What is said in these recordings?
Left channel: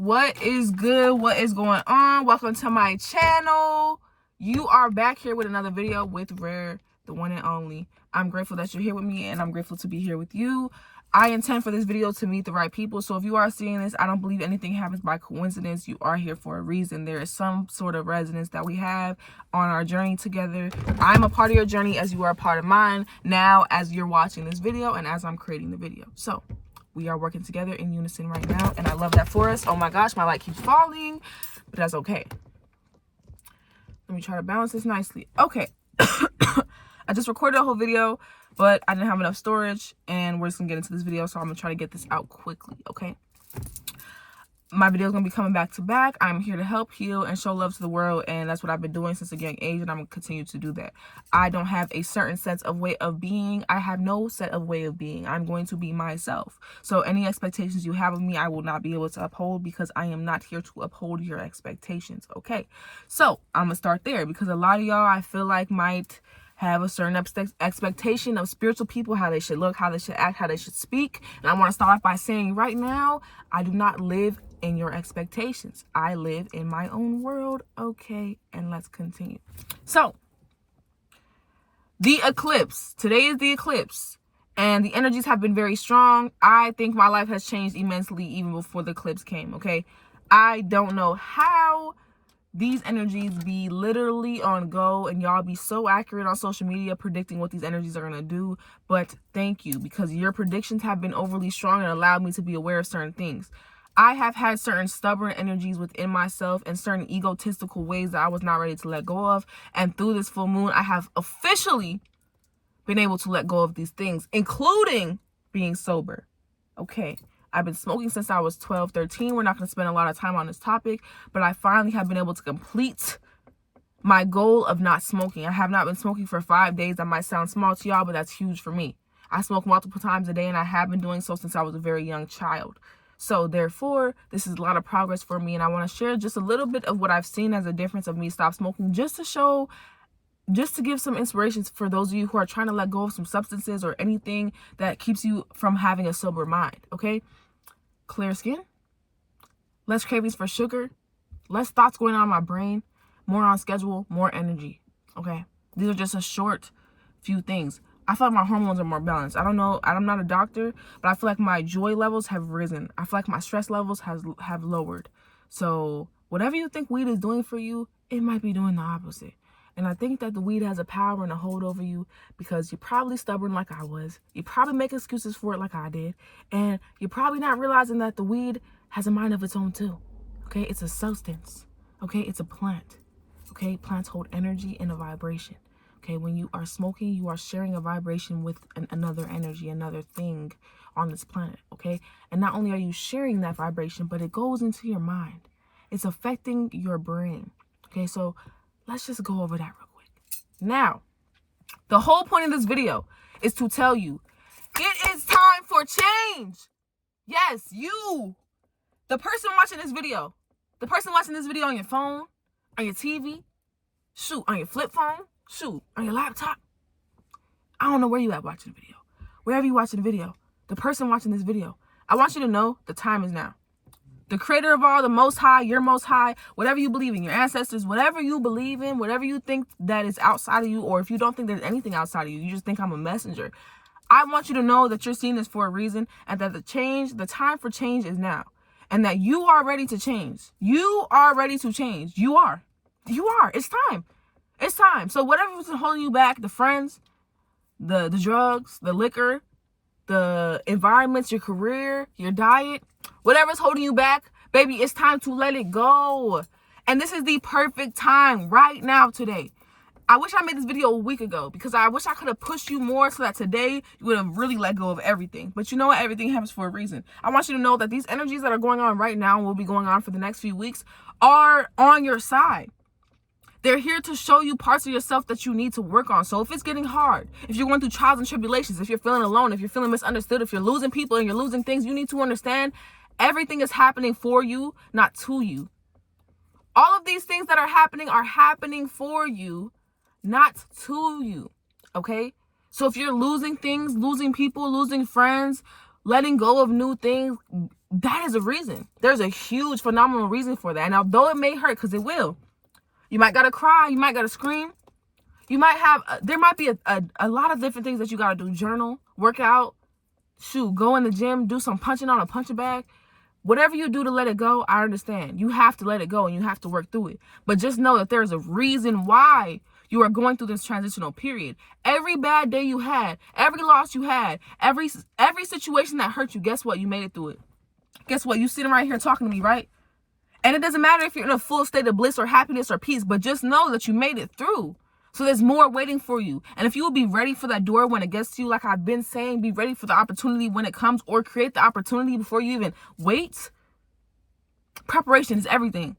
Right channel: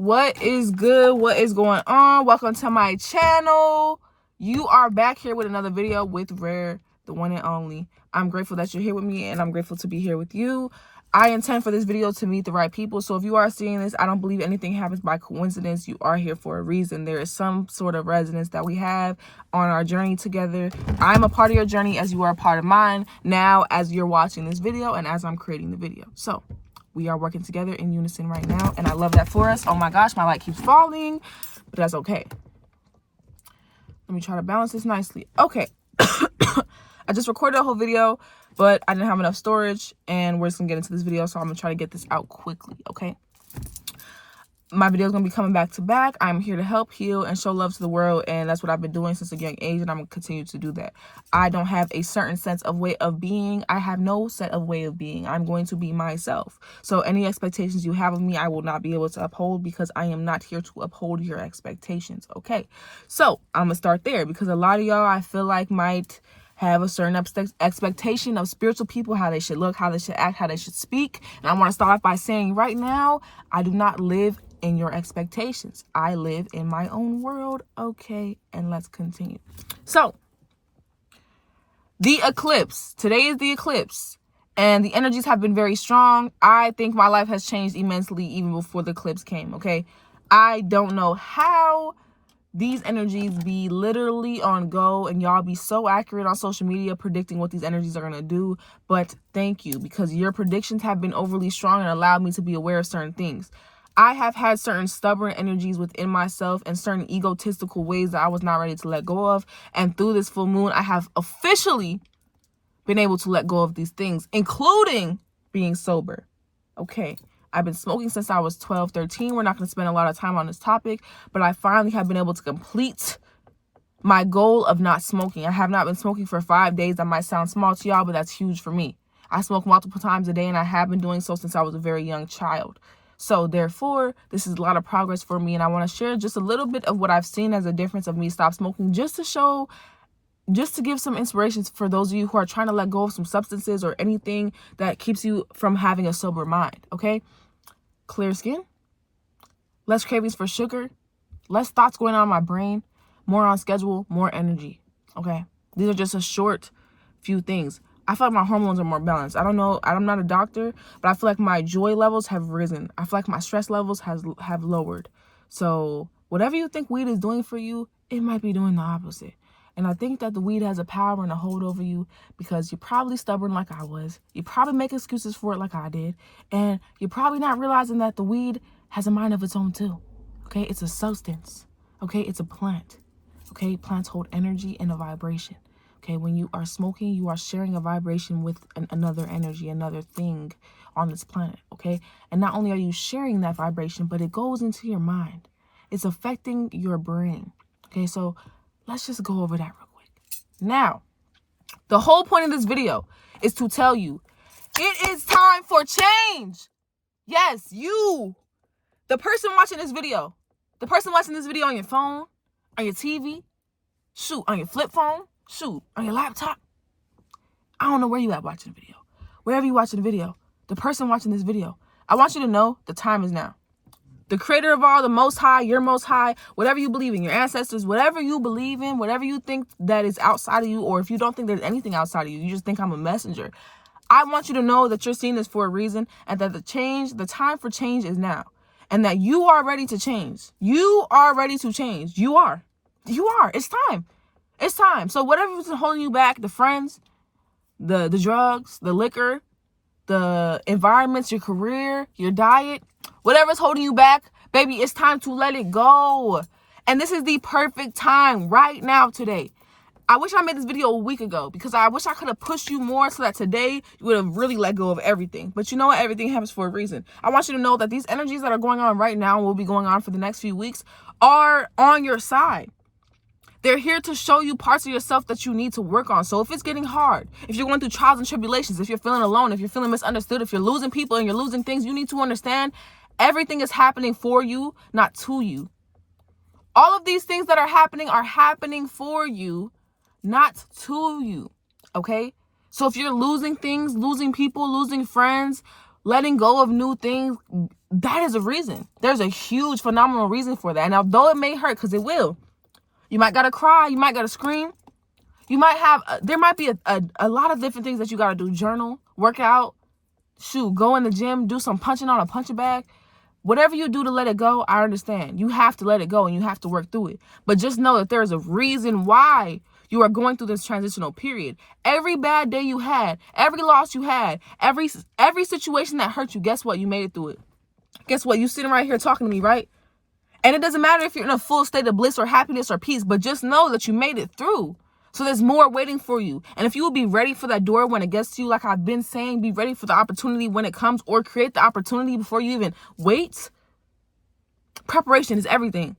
What is good? What is going on? Welcome to my channel. You are back here with another video with Rare, the one and only. I'm grateful that you're here with me, and I'm grateful to be here with you. I intend for this video to meet the right people. So if you are seeing this, I don't believe anything happens by coincidence. You are here for a reason. There is some sort of resonance that we have on our journey together. I'm a part of your journey as you are a part of mine now as you're watching this video and as I'm creating the video. So we are working together in unison right now, and I love that for us. Oh my gosh, my light keeps falling, but that's okay. Let me try to balance this nicely. Okay. I just recorded a whole video, but I didn't have enough storage, and we're just gonna get into this video, so I'm gonna try to get this out quickly, okay? My video is gonna be coming back to back. I'm here to help, heal, and show love to the world, and that's what I've been doing since a young age, and I'm gonna continue to do that. I don't have a certain sense of way of being. I have no set of way of being. I'm going to be myself. So any expectations you have of me, I will not be able to uphold, because I am not here to uphold your expectations, okay? So I'm gonna start there, because a lot of y'all, I feel like, might have a certain expectation of spiritual people, how they should look, how they should act, how they should speak. And I want to start off by saying right now, I do not live in your expectations. I live in my own world. Okay, and let's continue. So, the eclipse. Today is the eclipse, and the energies have been very strong. I think my life has changed immensely even before the eclipse came, okay? I don't know how these energies be literally on go, and y'all be so accurate on social media predicting what these energies are going to do, but thank you, because your predictions have been overly strong and allowed me to be aware of certain things. I have had certain stubborn energies within myself and certain egotistical ways that I was not ready to let go of, and through this full moon, I have officially been able to let go of these things, including being sober, okay? I've been smoking since I was 12, 13. We're not going to spend a lot of time on this topic, but I finally have been able to complete my goal of not smoking. I have not been smoking for 5 days. That might sound small to y'all, but that's huge for me. I smoke multiple times a day, and I have been doing so since I was a very young child. So therefore, this is a lot of progress for me, and I want to share just a little bit of what I've seen as a difference of me stop smoking, just to give some inspirations for those of you who are trying to let go of some substances or anything that keeps you from having a sober mind, okay? Clear skin, less cravings for sugar, less thoughts going on in my brain, more on schedule, more energy, okay? These are just a short few things. I feel like my hormones are more balanced. I don't know, I'm not a doctor, but I feel like my joy levels have risen. I feel like my stress levels have lowered. So whatever you think weed is doing for you, it might be doing the opposite. And I think that the weed has a power and a hold over you, because you're probably stubborn like I was. You probably make excuses for it like I did. And you're probably not realizing that the weed has a mind of its own too. Okay? It's a substance. Okay? It's a plant. Okay? Plants hold energy and a vibration. Okay? When you are smoking, you are sharing a vibration with another energy, another thing on this planet. Okay? And not only are you sharing that vibration, but it goes into your mind. It's affecting your brain. Okay? So let's just go over that real quick. Now, the whole point of this video is to tell you, it is time for change. Yes, you, the person watching this video on your phone, on your TV, shoot, on your flip phone, shoot, on your laptop. I don't know where you at watching the video. Wherever you watching the video, the person watching this video, I want you to know the time is now. The creator of all, the most high, your most high, whatever you believe in, your ancestors, whatever you believe in, whatever you think that is outside of you, or if you don't think there's anything outside of you, you just think I'm a messenger. I want you to know that you're seeing this for a reason, and that the time for change is now, and that you are ready to change. You are ready to change. You are. It's time. It's time. So whatever's holding you back, the friends, the drugs, the liquor, the environments, your career, your diet, whatever's holding you back, baby, it's time to let it go. And this is the perfect time right now, today. I wish I made this video a week ago, because I wish I could have pushed you more so that today you would have really let go of everything. But you know what? Everything happens for a reason. I want you to know that these energies that are going on right now and will be going on for the next few weeks are on your side. They're here to show you parts of yourself that you need to work on. So if it's getting hard, if you're going through trials and tribulations, if you're feeling alone, if you're feeling misunderstood, if you're losing people and you're losing things, you need to understand everything is happening for you, not to you. All of these things that are happening for you, not to you. Okay? So if you're losing things, losing people, losing friends, letting go of new things, that is a reason. There's a huge, phenomenal reason for that. And although it may hurt, because it will, you might gotta cry, you might gotta scream, you might have, there might be a lot of different things that you gotta do. Journal, work out, shoot, go in the gym, do some punching on a punching bag. Whatever you do to let it go, I understand. You have to let it go and you have to work through it. But just know that there's a reason why you are going through this transitional period. Every bad day you had, every loss you had, every situation that hurt you, guess what? You made it through it. Guess what? You sitting right here talking to me, right? And it doesn't matter if you're in a full state of bliss or happiness or peace, but just know that you made it through. So there's more waiting for you. And if you will be ready for that door when it gets to you, like I've been saying, be ready for the opportunity when it comes, or create the opportunity before you even wait. Preparation is everything.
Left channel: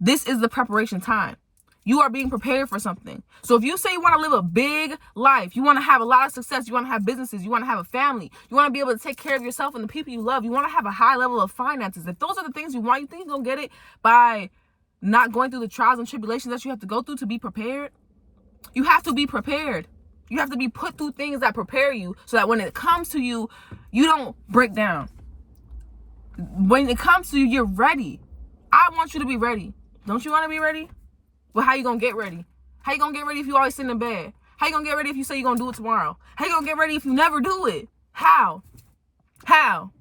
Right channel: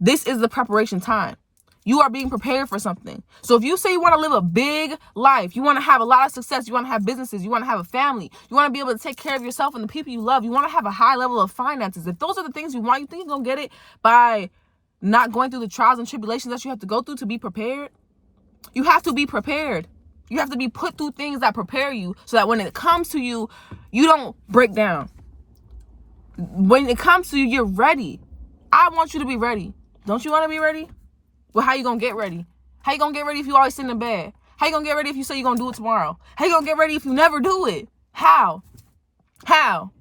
This is the preparation time. You are being prepared for something. So if you say you want to live a big life, you want to have a lot of success, you want to have businesses, you want to have a family, you want to be able to take care of yourself and the people you love, you want to have a high level of finances. If those are the things you want, you think you're going to get it by not going through the trials and tribulations that you have to go through to be prepared? You have to be prepared. You have to be put through things that prepare you so that when it comes to you, you don't break down. When it comes to you, you're ready. I want you to be ready. Don't you want to be ready? Well, how you going to get ready? How you going to get ready if you always sit in bed? How you going to get ready if you say you're going to do it tomorrow? How you going to get ready if you never do it? How? How?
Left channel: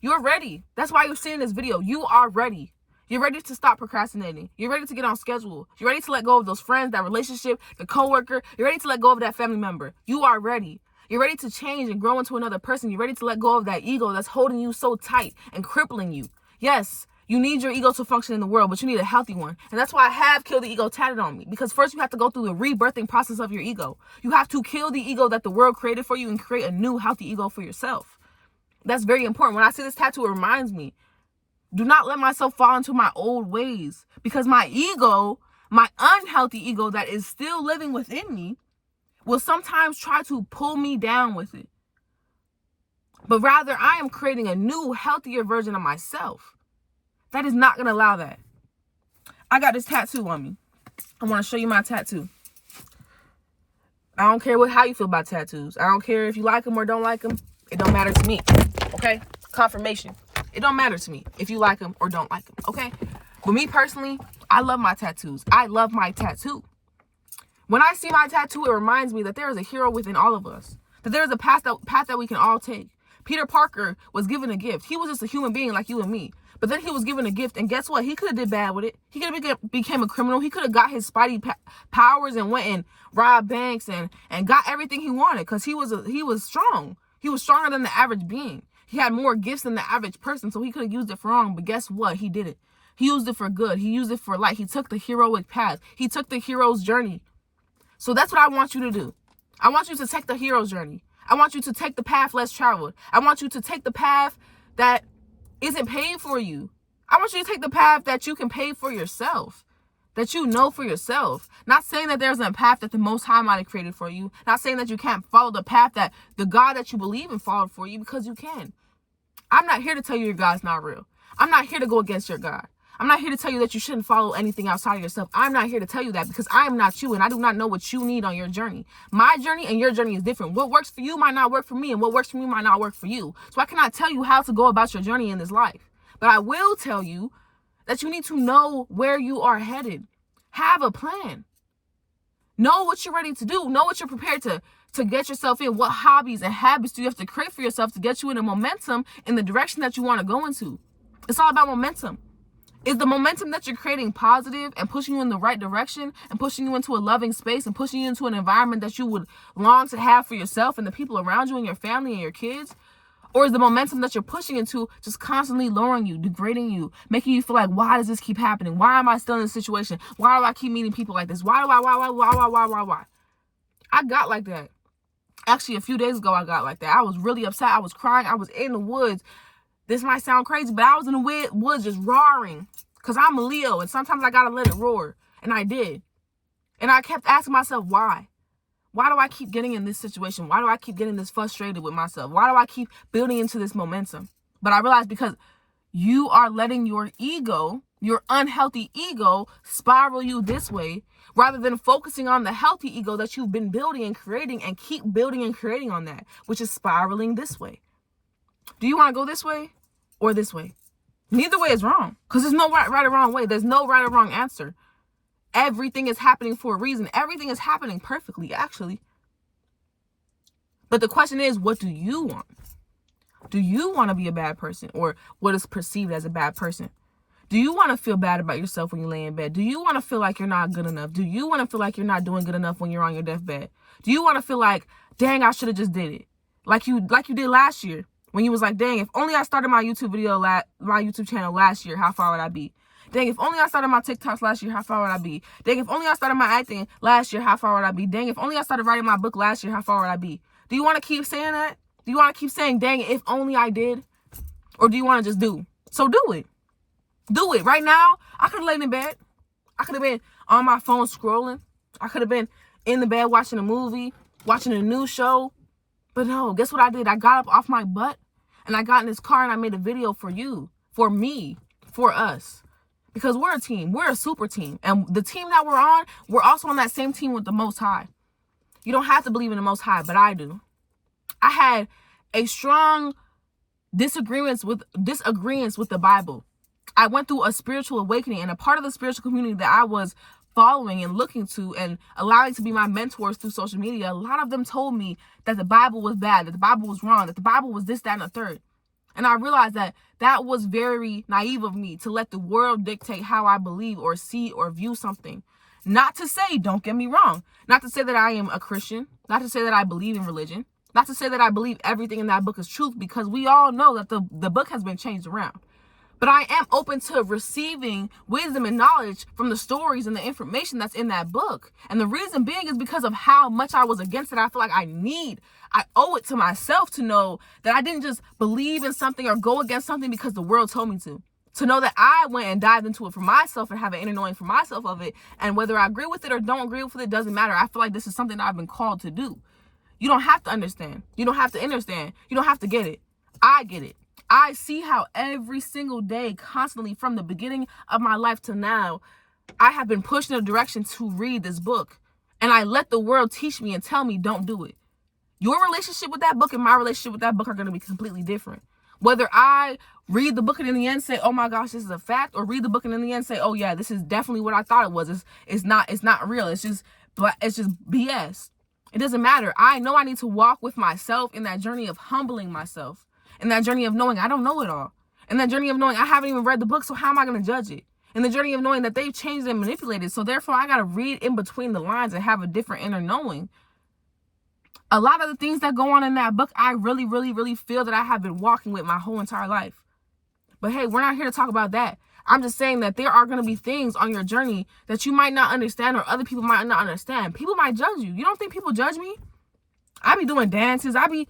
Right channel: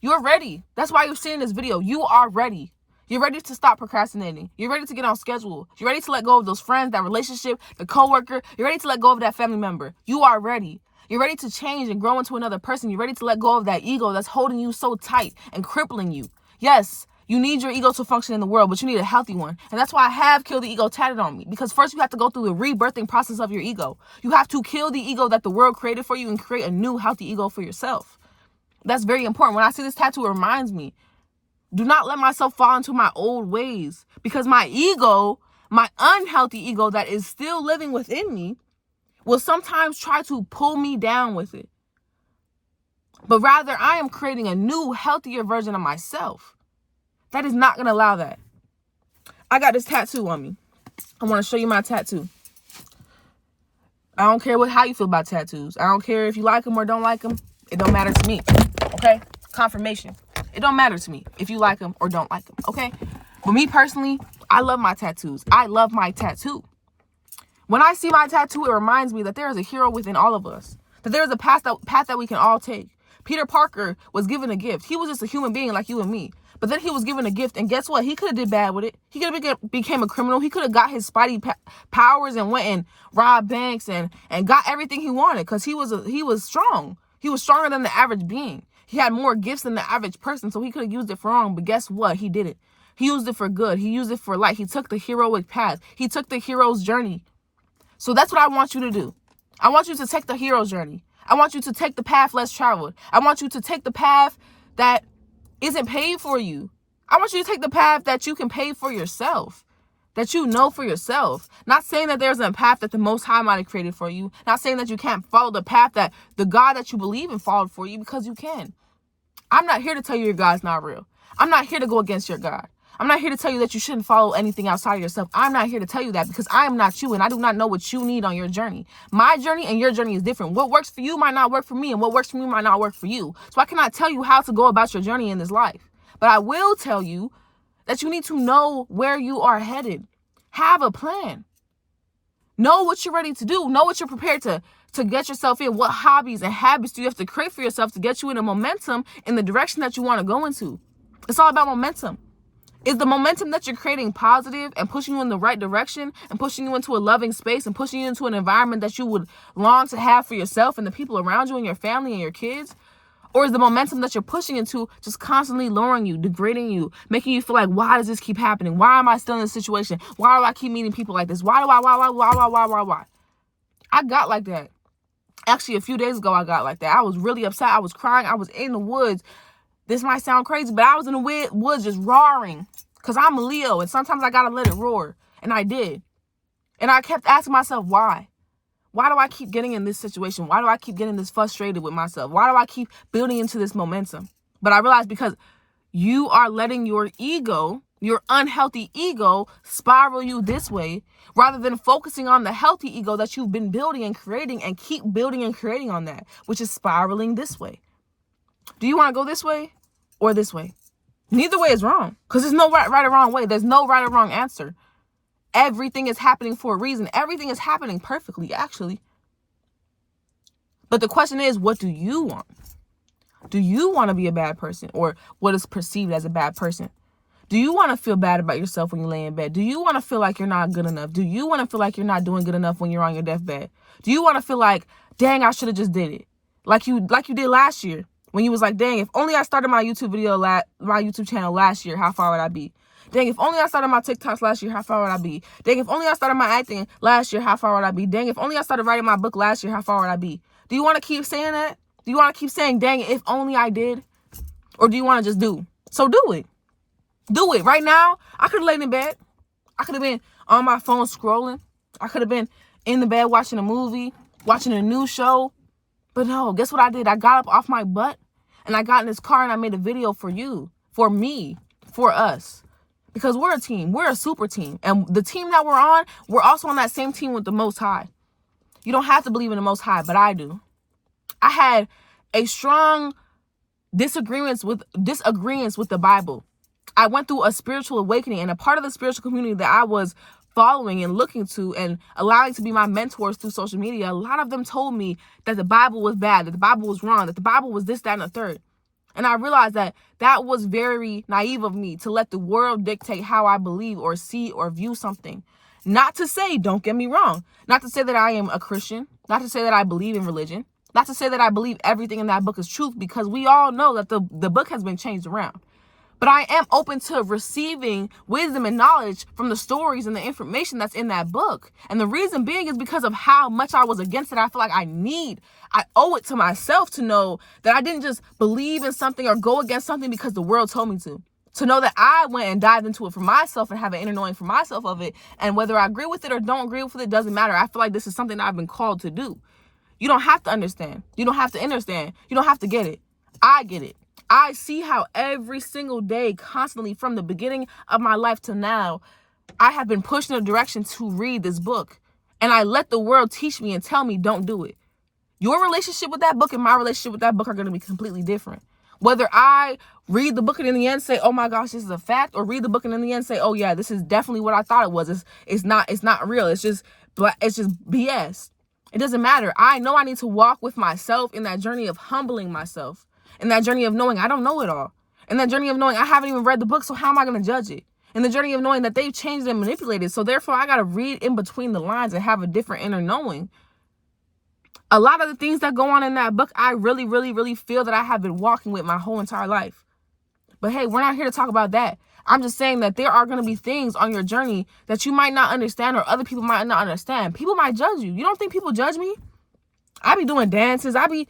You're ready. That's why you're seeing this video. You are ready. You're ready to stop procrastinating. You're ready to get on schedule. You're ready to let go of those friends, that relationship, the coworker. You're ready to let go of that family member. You are ready. You're ready to change and grow into another person. You're ready to let go of that ego that's holding you so tight and crippling you. Yes, you need your ego to function in the world, but you need a healthy one. And that's why I have Kill the Ego tatted on me. Because first you have to go through the rebirthing process of your ego. You have to kill the ego that the world created for you and create a new healthy ego for yourself. That's very important. When I see this tattoo, it reminds me. Do not let myself fall into my old ways, because my ego, my unhealthy ego that is still living within me, will sometimes try to pull me down with it. But rather, I am creating a new, healthier version of myself. That is not going to allow that. I got this tattoo on me. I want to show you my tattoo. I don't care how you feel about tattoos. I don't care if you like them or don't like them. It don't matter to me. Okay? Confirmation. It don't matter to me if you like them or don't like them, okay? But me personally, I love my tattoos. I love my tattoo. When I see my tattoo, it reminds me that there is a hero within all of us. That there is a path that we can all take. Peter Parker was given a gift. He was just a human being like you and me. But then he was given a gift, and guess what? He could have did bad with it. He could have became a criminal. He could have got his Spidey powers and went and robbed banks and got everything he wanted, because he was strong. He was stronger than the average being. He had more gifts than the average person, so he could have used it for wrong. But guess what? He did it. He used it for good. He used it for light. He took the heroic path. He took the hero's journey. So that's what I want you to do. I want you to take the hero's journey. I want you to take the path less traveled. I want you to take the path that isn't paid for you. I want you to take the path that you can pay for yourself, that you know for yourself. Not saying that there's a path that the Most High might have created for you. Not saying that you can't follow the path that the God that you believe in followed for you, because you can. I'm not here to tell you your God's not real. I'm not here to go against your God. I'm not here to tell you that you shouldn't follow anything outside of yourself. I'm not here to tell you that, because I am not you, and I do not know what you need on your journey. My journey and your journey is different. What works for you might not work for me, and what works for me might not work for you. So I cannot tell you how to go about your journey in this life. But I will tell you that you need to know where you are headed. Have a plan. Know what you're ready to do. Know what you're prepared to get yourself in. What hobbies and habits do you have to create for yourself to get you in a momentum in the direction that you want to go into? It's all about momentum. Is the momentum that you're creating positive and pushing you in the right direction and pushing you into a loving space and pushing you into an environment that you would long to have for yourself and the people around you and your family and your kids? Or is the momentum that you're pushing into just constantly lowering you, degrading you, making you feel like, why does this keep happening? Why am I still in this situation? Why do I keep meeting people like this? Why? I got like that. Actually, a few days ago, I got like that. I was really upset. I was crying. I was in the woods. This might sound crazy, but I was in the woods just roaring, because I'm a Leo, and sometimes I got to let it roar. And I did. And I kept asking myself, why? Why do I keep getting in this situation? Why do I keep getting this frustrated with myself? Why do I keep building into this momentum? But I realized because you are letting your ego, your unhealthy ego, spiral you this way, rather than focusing on the healthy ego that you've been building and creating, and keep building and creating on that, which is spiraling this way. Do you want to go this way? or this way. Neither way is wrong, because there's no right or wrong way. There's no right or wrong answer. Everything is happening for a reason. Everything is happening perfectly, actually. But the question is, what do you want? Do you want to be a bad person, or what is perceived as a bad person? Do you want to feel bad about yourself when you lay in bed? Do you want to feel like you're not good enough? Do you want to feel like you're not doing good enough when you're on your deathbed? Do you want to feel like, dang, I should have just did it? Like you did last year, when you was like, dang, if only I started my YouTube channel last year, how far would I be? Dang, if only I started my TikToks last year, how far would I be? Dang, if only I started my acting last year, how far would I be? Dang, if only I started writing my book last year, how far would I be? Do you want to keep saying that? Do you want to keep saying, dang, if only I did? Or do you want to just do? So do it. Do it. Right now, I could have laid in bed. I could have been on my phone scrolling. I could have been in the bed watching a movie, watching a new show. But no, guess what I did? I got up off my butt and I got in this car and I made a video for you, for me, for us. Because we're a team. We're a super team. And the team that we're on, we're also on that same team with the Most High. You don't have to believe in the Most High, but I do. I had a strong disagreements with the Bible. I went through a spiritual awakening, and a part of the spiritual community that I was following and looking to and allowing to be my mentors through social media, a lot of them told me that the Bible was bad, that the Bible was wrong, that the Bible was this, that, and the third. And I realized that that was very naive of me to let the world dictate how I believe or see or view something. Not to say, don't get me wrong, not to say that I am a Christian, not to say that I believe in religion, not to say that I believe everything in that book is truth, because we all know that the book has been changed around. But I am open to receiving wisdom and knowledge from the stories and the information that's in that book. And the reason being is because of how much I was against it. I feel like I owe it to myself to know that I didn't just believe in something or go against something because the world told me to. To know that I went and dived into it for myself and have an inner knowing for myself of it. And whether I agree with it or don't agree with it doesn't matter. I feel like this is something that I've been called to do. You don't have to understand. You don't have to understand. You don't have to get it. I get it. I see how every single day, constantly from the beginning of my life to now, I have been pushed in a direction to read this book. And I let the world teach me and tell me, don't do it. Your relationship with that book and my relationship with that book are going to be completely different. Whether I read the book and in the end say, oh my gosh, this is a fact, or read the book and in the end say, oh yeah, this is definitely what I thought it was. It's not real. It's just BS. It doesn't matter. I know I need to walk with myself in that journey of humbling myself. In that journey of knowing I don't know it all. In that journey of knowing I haven't even read the book, so how am I going to judge it? In the journey of knowing that they've changed and manipulated, so therefore I got to read in between the lines and have a different inner knowing. A lot of the things that go on in that book, I really, really, really feel that I have been walking with my whole entire life. But hey, we're not here to talk about that. I'm just saying that there are going to be things on your journey that you might not understand or other people might not understand. People might judge you. You don't think people judge me? I be doing dances. I be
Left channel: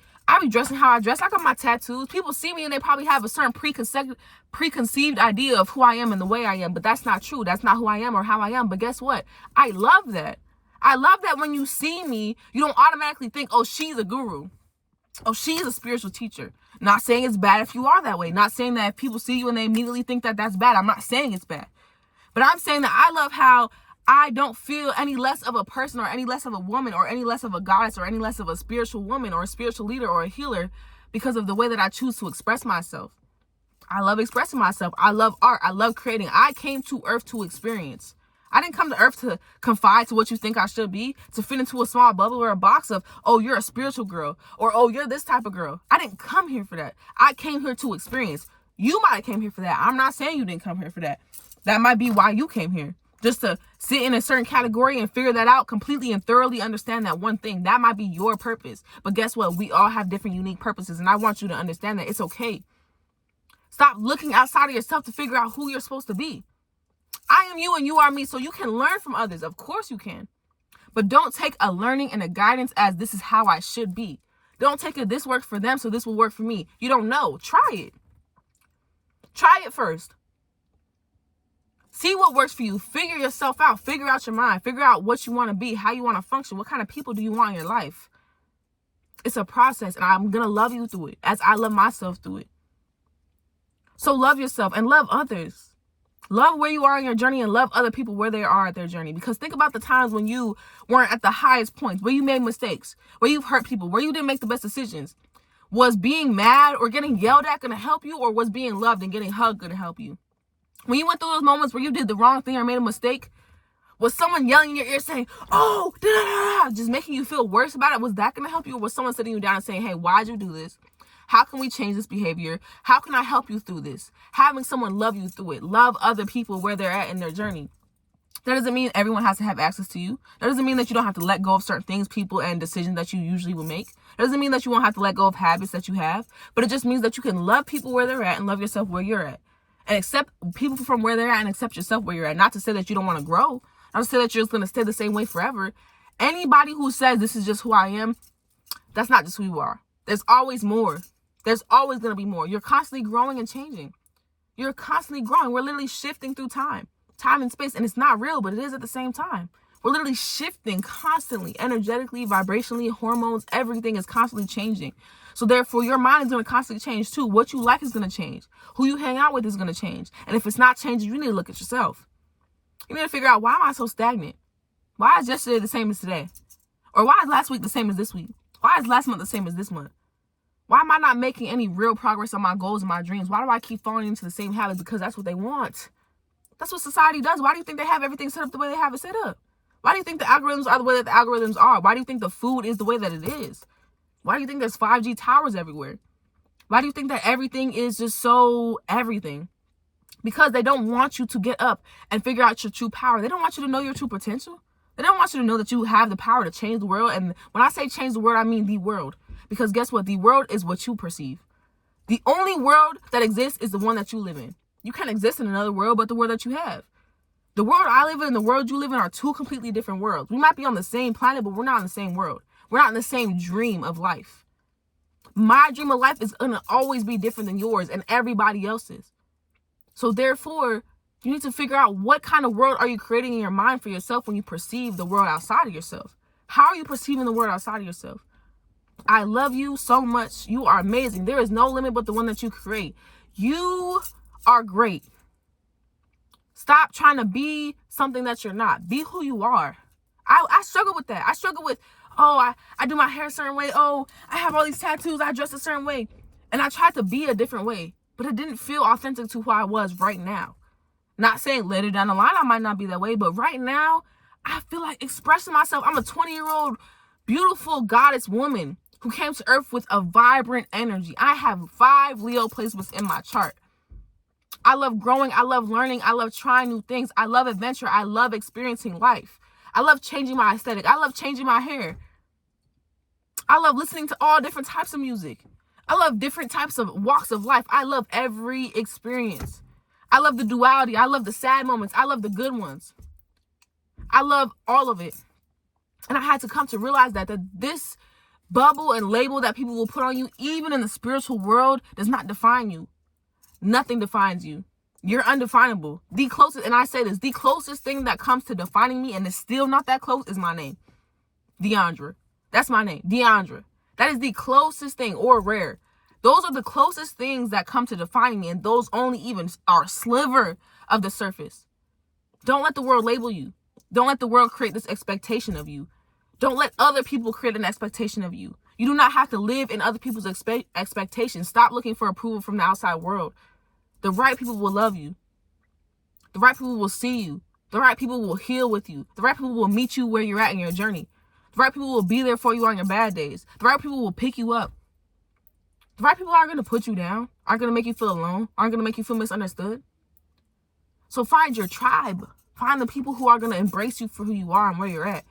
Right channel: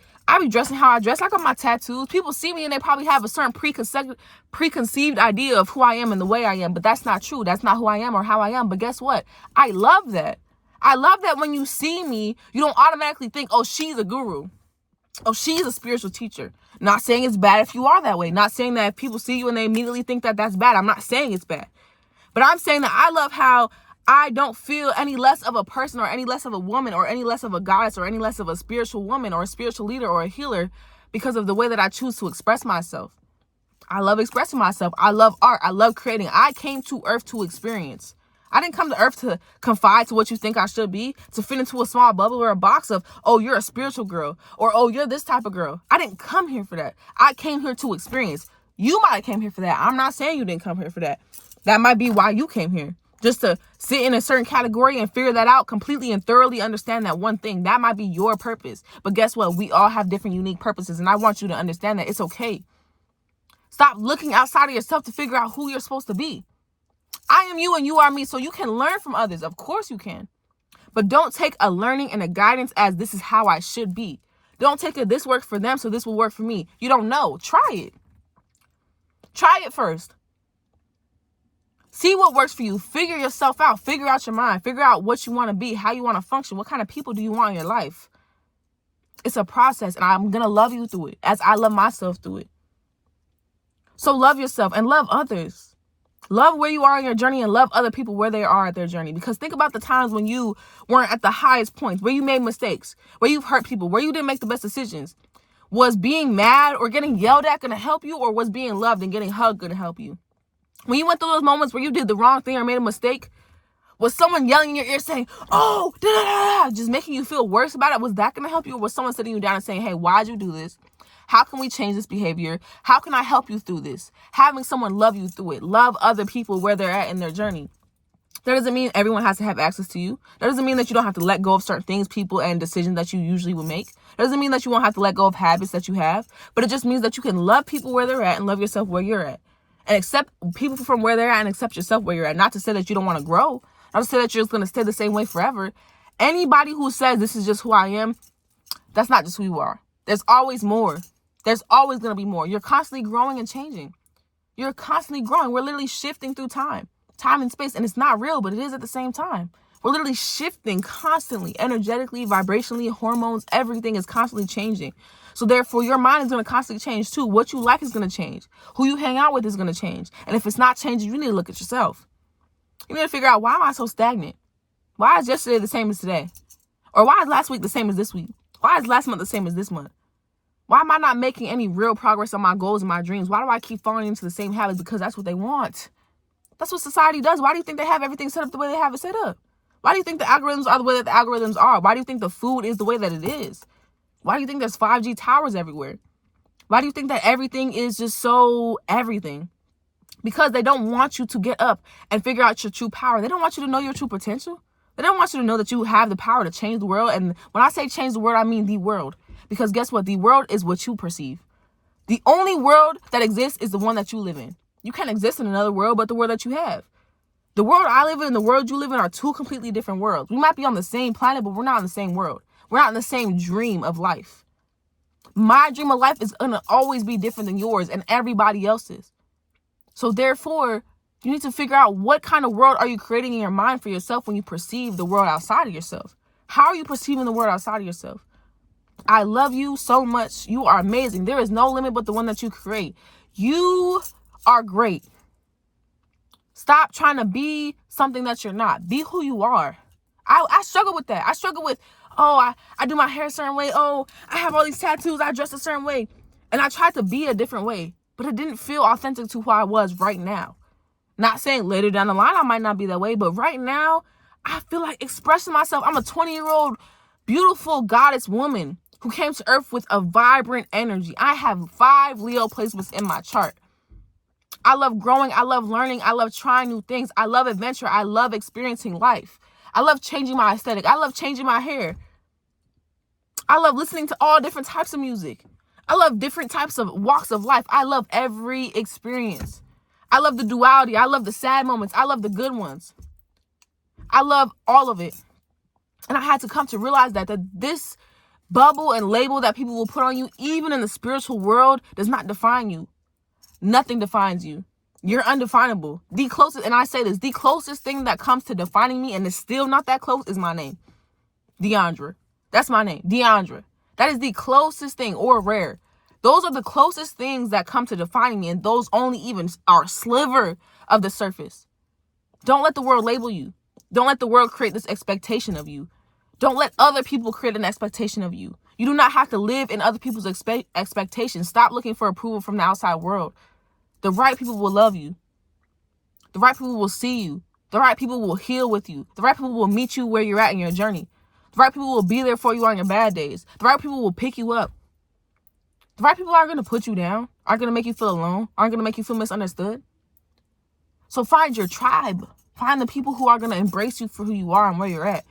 dressing how I dress. I got my tattoos. People see me and they probably have a certain preconceived idea of who I am and the way I am. But that's not true. That's not who I am or how I am. But guess what? I love that. I love that when you see me, you don't automatically think, oh, she's a guru. Oh, she's a spiritual teacher. Not saying it's bad if you are that way. Not saying that if people see you and they immediately think that that's bad. I'm not saying it's bad. But I'm saying that I love how I don't feel any less of a person or any less of a woman or any less of a goddess or any less of a spiritual woman or a spiritual leader or a healer because of the way that I choose to express myself. I love expressing myself. I love art. I love creating. I came to earth to experience. I didn't come to earth to confide to what you think I should be, to fit into a small bubble or a box of, oh, you're a spiritual girl, or, oh, you're this type of girl. I didn't come here for that. I came here to experience. You might have came here for that. I'm not saying you didn't come here for that. That might be why you came here. Just to sit in a certain category and figure that out completely and thoroughly understand that one thing. That might be your purpose. But guess what? We all have different unique purposes. And I want you to understand that it's okay. Stop looking outside of yourself to figure out who you're supposed to be. I am you and you are me, so you can learn from others. Of course you can. But don't take a learning and a guidance as this is how I should be. Don't take it, this works for them, so this will work for me. You don't know. Try it. Try it first. See what works for you. Figure yourself out. Figure out your mind. Figure out what you want to be, how you want to function, what kind of people do you want in your life. It's a process, and I'm going to love you through it as I love myself through it. So love yourself and love others. Love where you are in your journey and love other people where they are at their journey. Because think about the times when you weren't at the highest points, where you made mistakes, where you've hurt people, where you didn't make the best decisions, Was being mad or getting yelled at going to help you, or was being loved and getting hugged going to help you? When you went through those moments where you did the wrong thing or made a mistake, was someone yelling in your ear saying, oh, da, da, da, just making you feel worse about it? Was that going to help you? Or was someone sitting you down and saying, hey, why'd you do this? How can we change this behavior? How can I help you through this? Having someone love you through it. Love other people where they're at in their journey. That doesn't mean everyone has to have access to you. That doesn't mean that you don't have to let go of certain things, people, and decisions that you usually would make. That doesn't mean that you won't have to let go of habits that you have. But it just means that you can love people where they're at and love yourself where you're at. And accept people from where they're at and accept yourself where you're at. Not to say that you don't want to grow. Not to say that you're just going to stay the same way forever. Anybody who says this is just who I am, that's not just who you are. There's always more. There's always going to be more. You're constantly growing and changing. You're constantly growing. We're literally shifting through time and space. And it's not real, but it is at the same time. We're literally shifting constantly, energetically, vibrationally, hormones, everything is constantly changing. So therefore, your mind is going to constantly change too. What you like is going to change. Who you hang out with is going to change. And if it's not changing, you need to look at yourself. You need to figure out, why am I so stagnant? Why is yesterday the same as today? Or why is last week the same as this week? Why is last month the same as this month? Why am I not making any real progress on my goals and my dreams? Why do I keep falling into the same habits? Because that's what they want. That's what society does. Why do you think they have everything set up the way they have it set up? Why do you think the algorithms are the way that the algorithms are? Why do you think the food is the way that it is? Why do you think there's 5G towers everywhere? Why do you think that everything is just so everything? Because they don't want you to get up and figure out your true power. They don't want you to know your true potential. They don't want you to know that you have the power to change the world. And when I say change the world, I mean the world. Because guess what? The world is what you perceive. The only world that exists is the one that you live in. You can't exist in another world but the world that you have. The world I live in and the world you live in are two completely different worlds. We might be on the same planet, but we're not in the same world. We're not in the same dream of life. My dream of life is going to always be different than yours and everybody else's. So therefore, you need to figure out, what kind of world are you creating in your mind for yourself when you perceive the world outside of yourself? How are you perceiving the world outside of yourself? I love you so much. You are amazing. There is no limit but the one that you create. You are great. Stop trying to be something that you're not. Be who you are. I struggle with that. I struggle with, oh, I do my hair a certain way. Oh, I have all these tattoos. I dress a certain way. And I tried to be a different way, but it didn't feel authentic to who I was right now. Not saying later down the line I might not be that way, but right now I feel like expressing myself. I'm a 20-year-old beautiful goddess woman who came to earth with a vibrant energy. I have 5 Leo placements in my chart. I love growing. I love learning. I love trying new things. I love adventure. I love experiencing life. I love changing my aesthetic. I love changing my hair. I love listening to all different types of music. I love different types of walks of life. I love every experience. I love the duality. I love the sad moments. I love the good ones. I love all of it. And I had to come to realize that this bubble and label that people will put on you, even in the spiritual world, does not define you. Nothing defines you. You're undefinable. The closest, and I say this, the closest thing that comes to defining me, and it's still not that close, is my name. Deandra. That's my name. Deandra. That is the closest thing, or Rare. Those are the closest things that come to defining me, and those only even are a sliver of the surface. Don't let the world label you. Don't let the world create this expectation of you. Don't let other people create an expectation of you. You do not have to live in other people's expectations. Stop looking for approval from the outside world. The right people will love you. The right people will see you. The right people will heal with you. The right people will meet you where you're at in your journey. The right people will be there for you on your bad days. The right people will pick you up. The right people aren't going to put you down, aren't going to make you feel alone, aren't going to make you feel misunderstood. So find your tribe. Find the people who are going to embrace you for who you are and where you're at.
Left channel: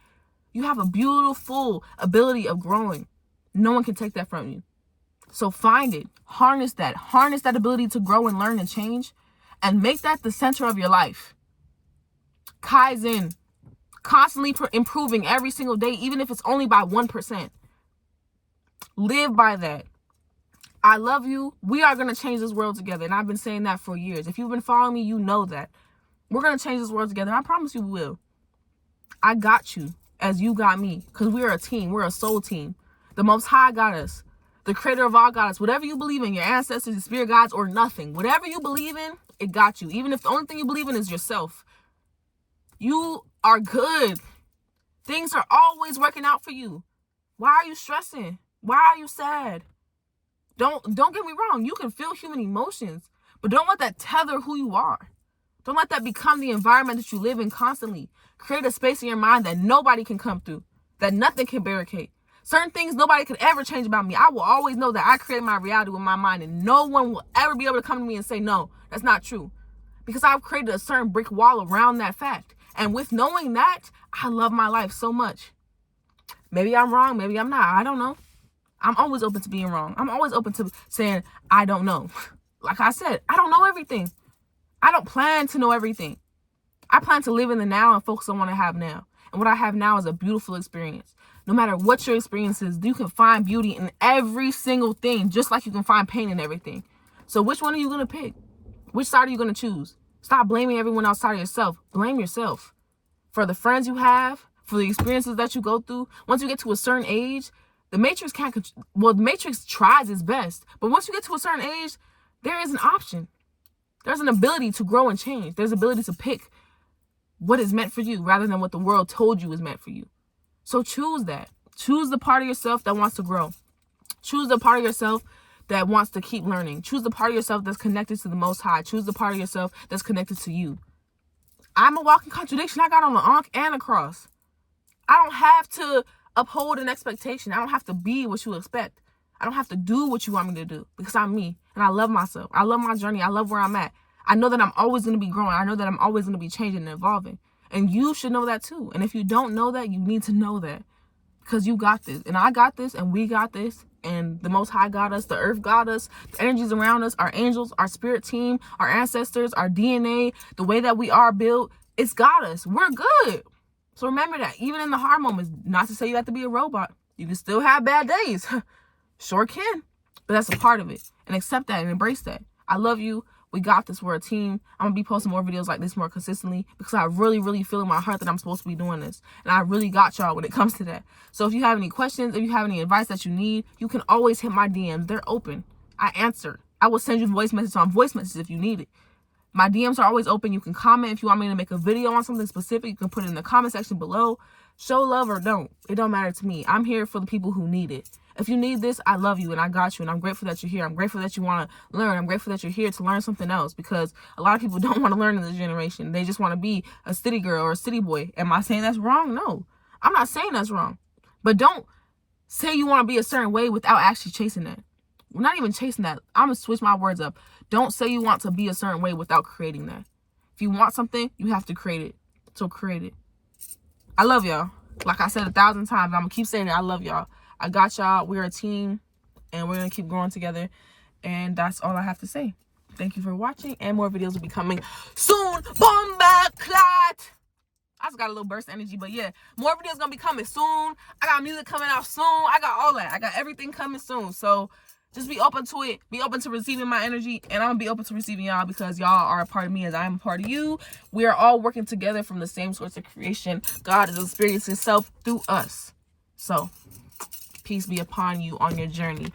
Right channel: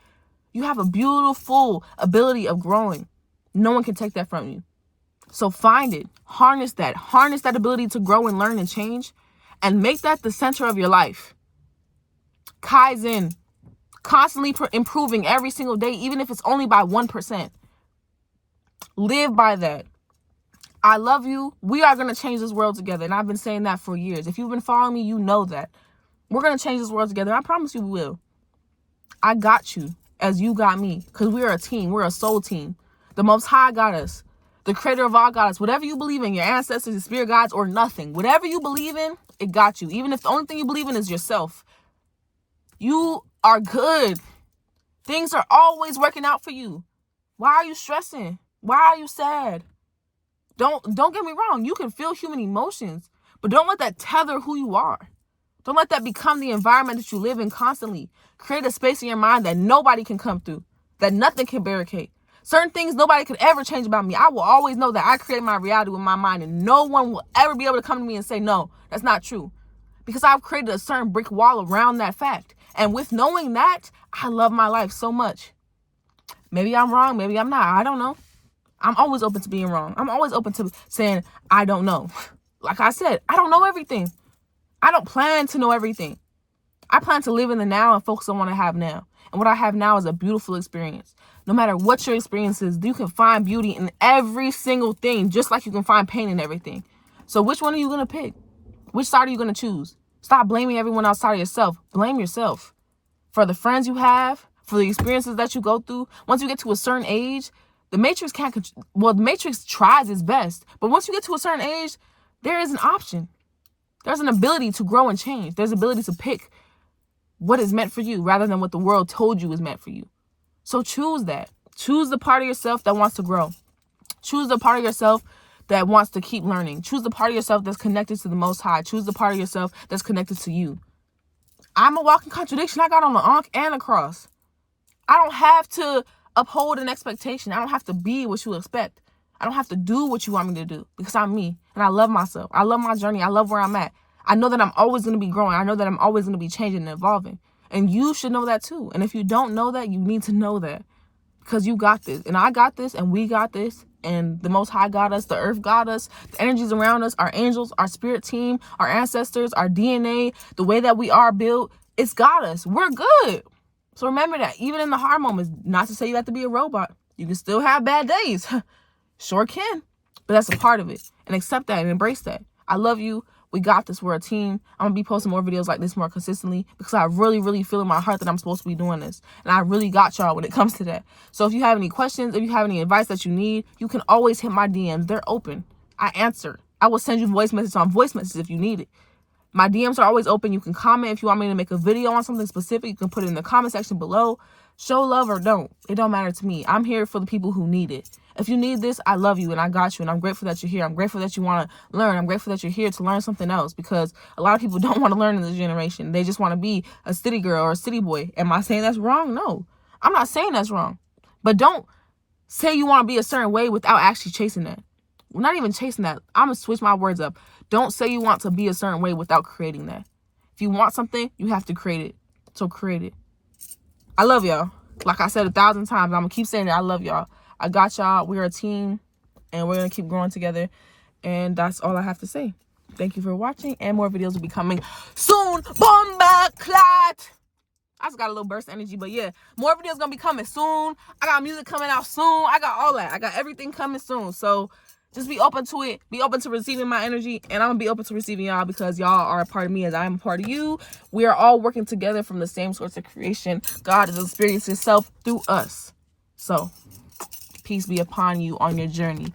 You have a beautiful ability of growing. No one can take that from you. So find it. Harness that. Harness that ability to grow and learn and change. And make that the center of your life. Kaizen. Constantly improving every single day, even if it's only by 1%. Live by that. I love you. We are going to change this world together. And I've been saying that for years. If you've been following me, you know that. We're going to change this world together. I promise you we will. I got you as you got me. Because we're a team. We're a soul team. The Most High got us. The creator of all got us. Whatever you believe in, your ancestors, your spirit guides, or nothing. Whatever you believe in, it got you. Even if the only thing you believe in is yourself. You are good. Things are always working out for you. Why are you stressing? Why are you sad? Don't get me wrong. You can feel human emotions, but don't let that tether who you are. Don't let that become the environment that you live in constantly. Create a space in your mind that nobody can come through, that nothing can barricade. Certain things nobody could ever change about me. I will always know that I create my reality with my mind, and no one will ever be able to come to me and say, no, that's not true. Because I've created a certain brick wall around that fact. And with knowing that, I love my life so much. Maybe I'm wrong. Maybe I'm not. I don't know. I'm always open to being wrong. I'm always open to saying, I don't know. Like I said, I don't know everything. I don't plan to know everything. I plan to live in the now and focus on what I have now. And what I have now is a beautiful experience. No matter what your experience is, you can find beauty in every single thing, just like you can find pain in everything. So which one are you going to pick? Which side are you going to choose? Stop blaming everyone outside of yourself. Blame yourself for the friends you have, for the experiences that you go through. Once you get to a certain age, the Matrix the Matrix tries its best. But once you get to a certain age, there is an option. There's an ability to grow and change. There's an ability to pick what is meant for you rather than what the world told you is meant for you. So choose that. Choose the part of yourself that wants to grow. Choose the part of yourself that wants to keep learning. Choose the part of yourself that's connected to the Most High. Choose the part of yourself that's connected to you. I'm a walking contradiction. I got on the Ankh and a cross. I don't have to uphold an expectation. I don't have to be what you expect. I don't have to do what you want me to do because I'm me and I love myself. I love my journey. I love where I'm at. I know that I'm always going to be growing. I know that I'm always going to be changing and evolving. And you should know that too. And if you don't know that, you need to know that because you got this and I got this and we got this. And the Most High got us, the earth got us, the energies around us, our angels, our spirit team, our ancestors, our DNA, the way that we are built, it's got us. We're good. So remember that, even in the hard moments, not to say you have to be a robot. You can still have bad days. Sure can. But that's a part of it. And accept that and embrace that. I love you. We got this. We're a team. I'm going to be posting more videos like this more consistently because I really, really feel in my heart that I'm supposed to be doing this. And I really got y'all when it comes to that. So if you have any questions, if you have any advice that you need, you can always hit my DMs. They're open. I answer. I will send you voice messages on voice messages if you need it. My DMs are always open. You can comment. If you want me to make a video on something specific, you can put it in the comment section below. Show love or don't. It don't matter to me. I'm here for the people who need it. If you need this, I love you and I got you. And I'm grateful that you're here. I'm grateful that you want to learn. I'm grateful that you're here to learn something else because a lot of people don't want to learn in this generation. They just want to be a city girl or a city boy. Am I saying that's wrong? No, I'm not saying that's wrong. But don't say you want to be a certain way without actually chasing that. We're not even chasing that. I'm going to switch my words up. Don't say you want to be a certain way without creating that. If you want something, you have to create it. So create it. I love y'all. Like I said 1,000 times, I'm going to keep saying it. I love y'all. I got y'all. We're a team and we're going to keep growing together. And that's all I have to say. Thank you for watching and more videos will be coming soon. Bomba clot. I just got a little burst of energy, but yeah, more videos going to be coming soon. I got music coming out soon. I got all that. I got everything coming soon. So just be open to it. Be open to receiving my energy. And I'm going to be open to receiving y'all because y'all are a part of me as I'm a part of you. We are all working together from the same source of creation. God is experiencing himself through us. So peace be upon you on your journey.